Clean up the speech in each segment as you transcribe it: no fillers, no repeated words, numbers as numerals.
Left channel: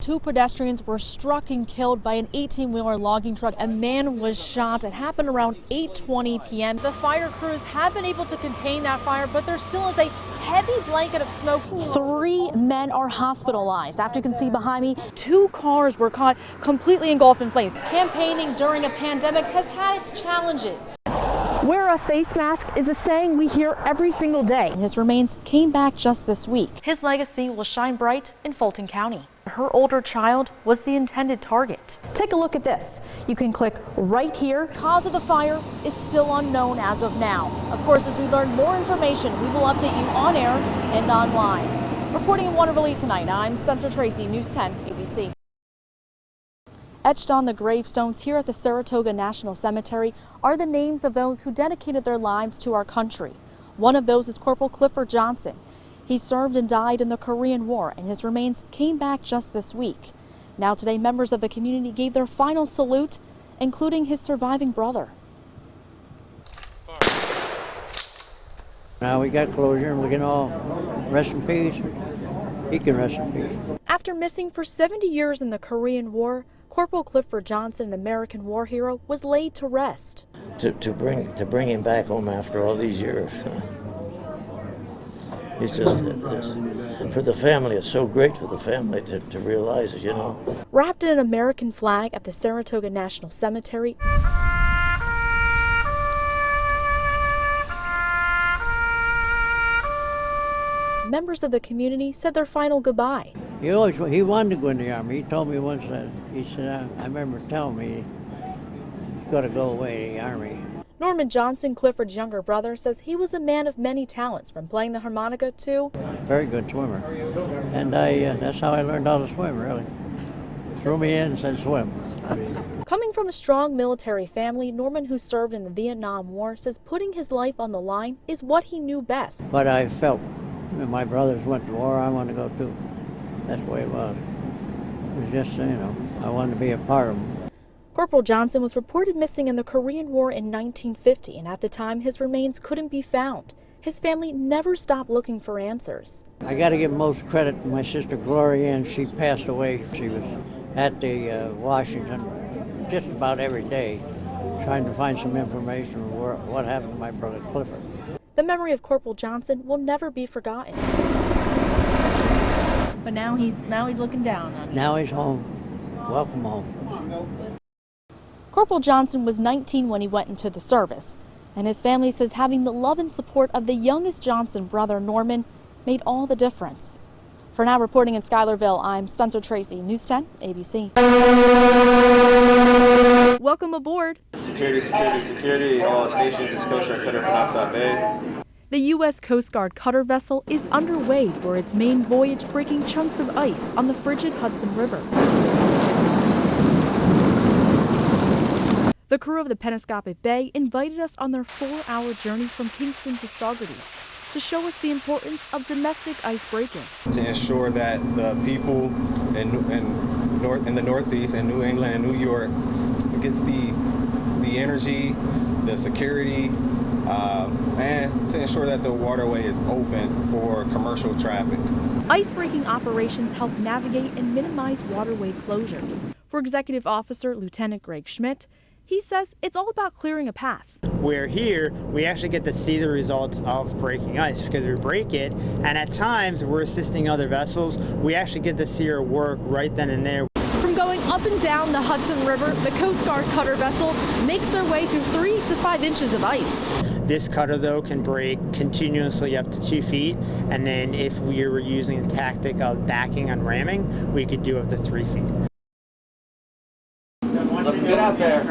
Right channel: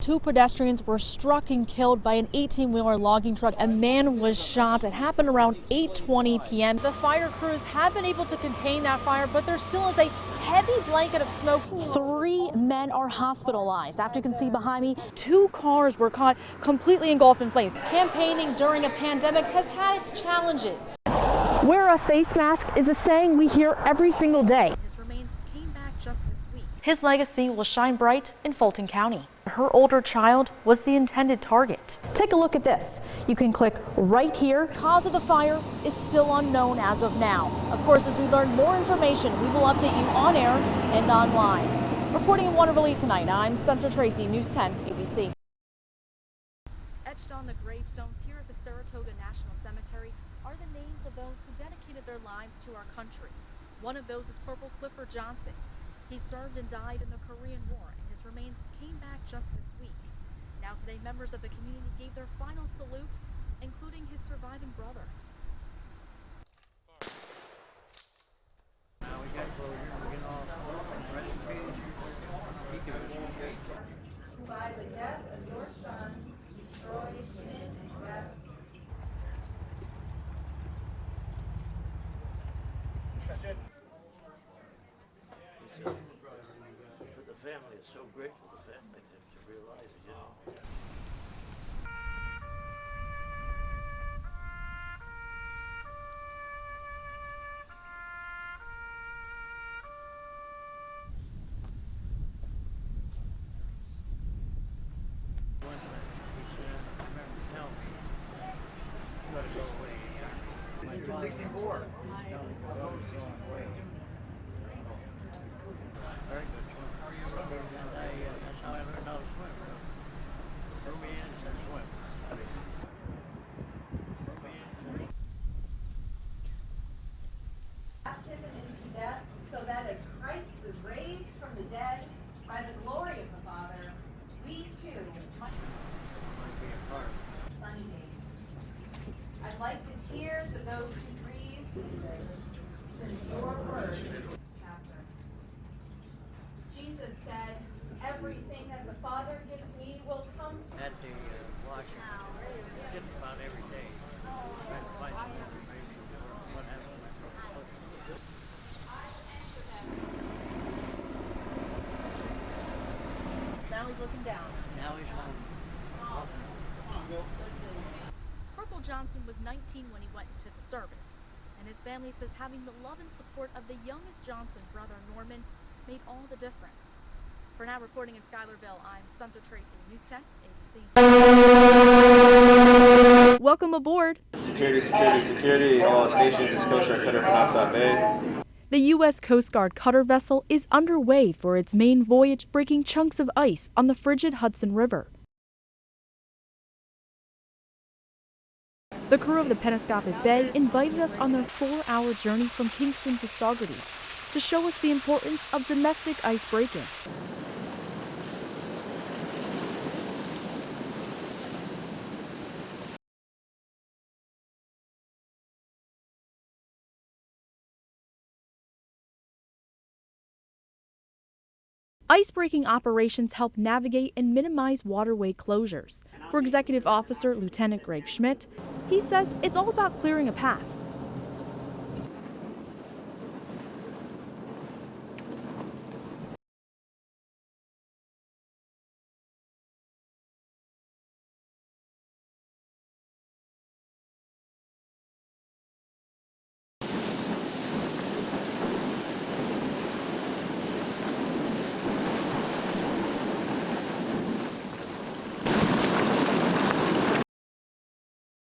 Two pedestrians were struck and killed by an 18-wheeler logging truck. A man was shot. It happened around 8:20 p.m. The fire crews have been able to contain that fire, but there still is a heavy blanket of smoke. 3 men are hospitalized. After you can see behind me, 2 cars were caught completely engulfed in flames. Campaigning during a pandemic has had its challenges. Wear a face mask is a saying we hear every single day. His remains came back just this week. His legacy will shine bright in Fulton County. Her older child was the intended target. Take a look at this. You can click right here. Cause of the fire is still unknown as of now. Of course, as we learn more information, we will update you on air and online. Reporting in Waterville tonight, I'm Spencer Tracy, News 10 ABC. Etched on the gravestones here at the Saratoga National Cemetery are the names of those who dedicated their lives to our country. One of those is Corporal Clifford Johnson. He served and died in the Korean War, and his remains came back just this week. Now today, members of the community gave their final salute, including his surviving brother. Now we got closure and we can all rest in peace. He can rest in peace. After missing for 70 years in the Korean War, Corporal Clifford Johnson, an American war hero, was laid to rest. To bring him back home after all these years. It's just, for the family, it's so great for the family to realize it, you know. Wrapped in an American flag at the Saratoga National Cemetery, members of the community said their final goodbye. He wanted to go in the Army. He told me once that, he said, I remember telling me he's got to go away to the Army. Norman Johnson, Clifford's younger brother, says he was a man of many talents, from playing the harmonica to... Very good swimmer. And that's how I learned how to swim, really. Threw me in and said swim. Coming from a strong military family, Norman, who served in the Vietnam War, says putting his life on the line is what he knew best. But I felt when my brothers went to war, I wanted to go too. That's the way it was. It was just, I wanted to be a part of them. Corporal Johnson was reported missing in the Korean War in 1950, and at the time his remains couldn't be found. His family never stopped looking for answers. I got to give most credit to my sister Gloria, and she passed away. She was at the Washington just about every day, trying to find some information on what happened to my brother Clifford. The memory of Corporal Johnson will never be forgotten. But now he's looking down on it. Now he's home. Welcome home. Corporal Johnson was 19 when he went into the service, and his family says having the love and support of the youngest Johnson brother, Norman, made all the difference. For now, reporting in Schuylerville, I'm Spencer Tracy, News 10 ABC. Welcome aboard. Security, security, security. All stations is Coast Guard cutter Penobscot Bay. The U.S. Coast Guard cutter vessel is underway for its main voyage, breaking chunks of ice on the frigid Hudson River. The crew of the Penobscot Bay invited us on their 4-hour journey from Kingston to Saugerties to show us the importance of domestic ice breaking. To ensure that the people in the Northeast and New England and New York gets the energy, the security, and to ensure that the waterway is open for commercial traffic. Ice-breaking operations help navigate and minimize waterway closures. For Executive Officer Lieutenant Greg Schmidt, he says it's all about clearing a path. Where here, we actually get to see the results of breaking ice because we break it, and at times we're assisting other vessels. We actually get to see our work right then and there. From going up and down the Hudson River, the Coast Guard cutter vessel makes their way through 3 to 5 inches of ice. This cutter, though, can break continuously up to 2 feet, and then if we were using the tactic of backing and ramming, we could do up to 3 feet. Get out there.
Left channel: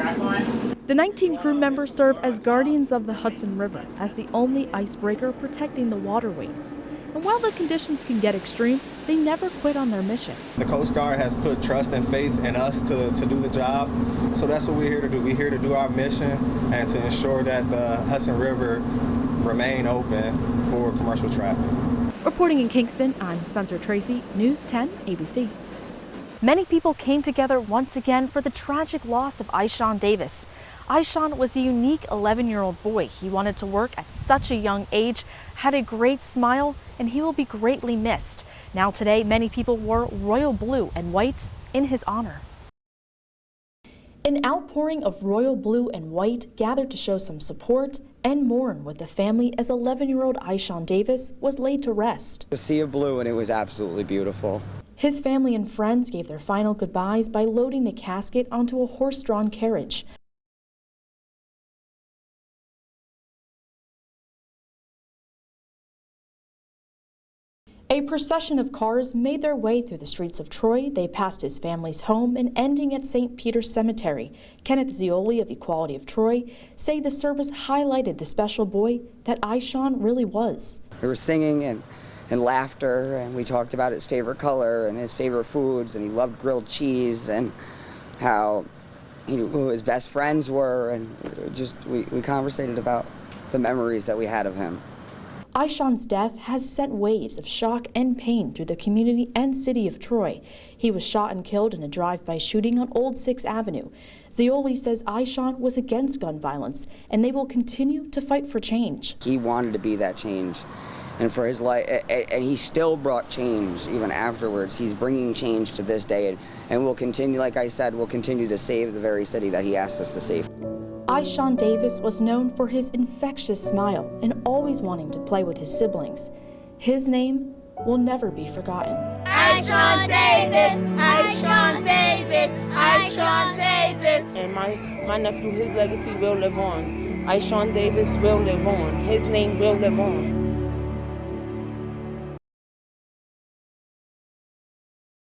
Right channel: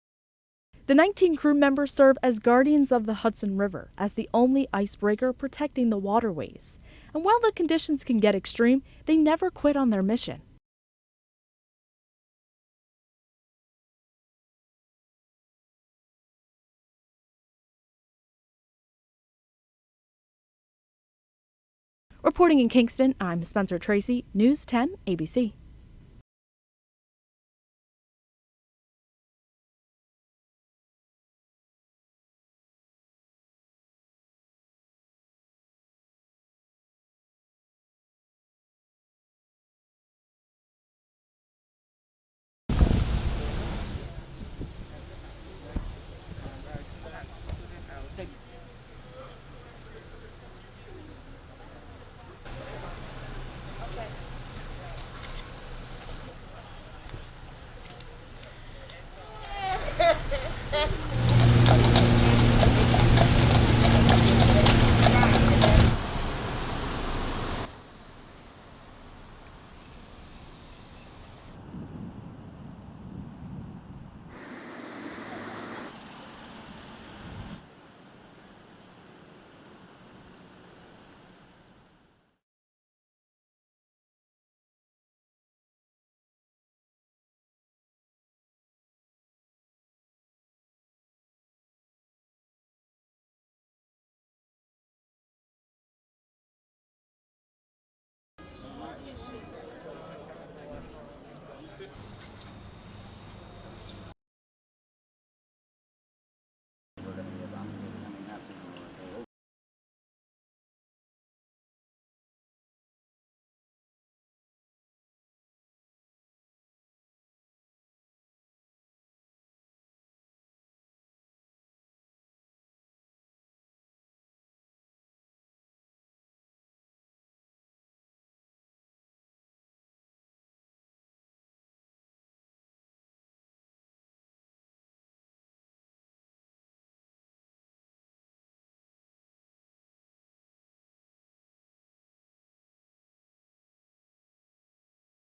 The 19 crew members serve as guardians of the Hudson River as the only icebreaker protecting the waterways. And while the conditions can get extreme, they never quit on their mission. The Coast Guard has put trust and faith in us to do the job. So that's what we're here to do. We're here to do our mission and to ensure that the Hudson River remain open for commercial traffic. Reporting in Kingston, I'm Spencer Tracy, News 10 ABC. Many people came together once again for the tragic loss of Ishawn Davis. Ishawn was a unique 11-year-old boy. He wanted to work at such a young age, had a great smile, and he will be greatly missed. Now today, many people wore royal blue and white in his honor. An outpouring of royal blue and white gathered to show some support and mourn with the family as 11-year-old Aishan Davis was laid to rest. A sea of blue, and it was absolutely beautiful. His family and friends gave their final goodbyes by loading the casket onto a horse-drawn carriage. A procession of cars made their way through the streets of Troy. They passed his family's home and ending at St. Peter's Cemetery. Kenneth Zioli of Equality of Troy say the service highlighted the special boy that Aishan really was. There was singing and laughter, and we talked about his favorite color and his favorite foods, and he loved grilled cheese and how who his best friends were, and just we conversated about the memories that we had of him. Aishan's death has sent waves of shock and pain through the community and city of Troy. He was shot and killed in a drive-by shooting on Old 6th Avenue. Zioli says Aishan was against gun violence, and they will continue to fight for change. He wanted to be that change, and for his life, and he still brought change even afterwards. He's bringing change to this day, and we'll continue, like I said, we'll continue to save the very city that he asked us to save. Aishan Davis was known for his infectious smile and always wanting to play with his siblings. His name will never be forgotten. Aishan Davis, Aishan Davis, Aishan Davis. And my nephew, his legacy will live on. Aishan Davis will live on. His name will live on.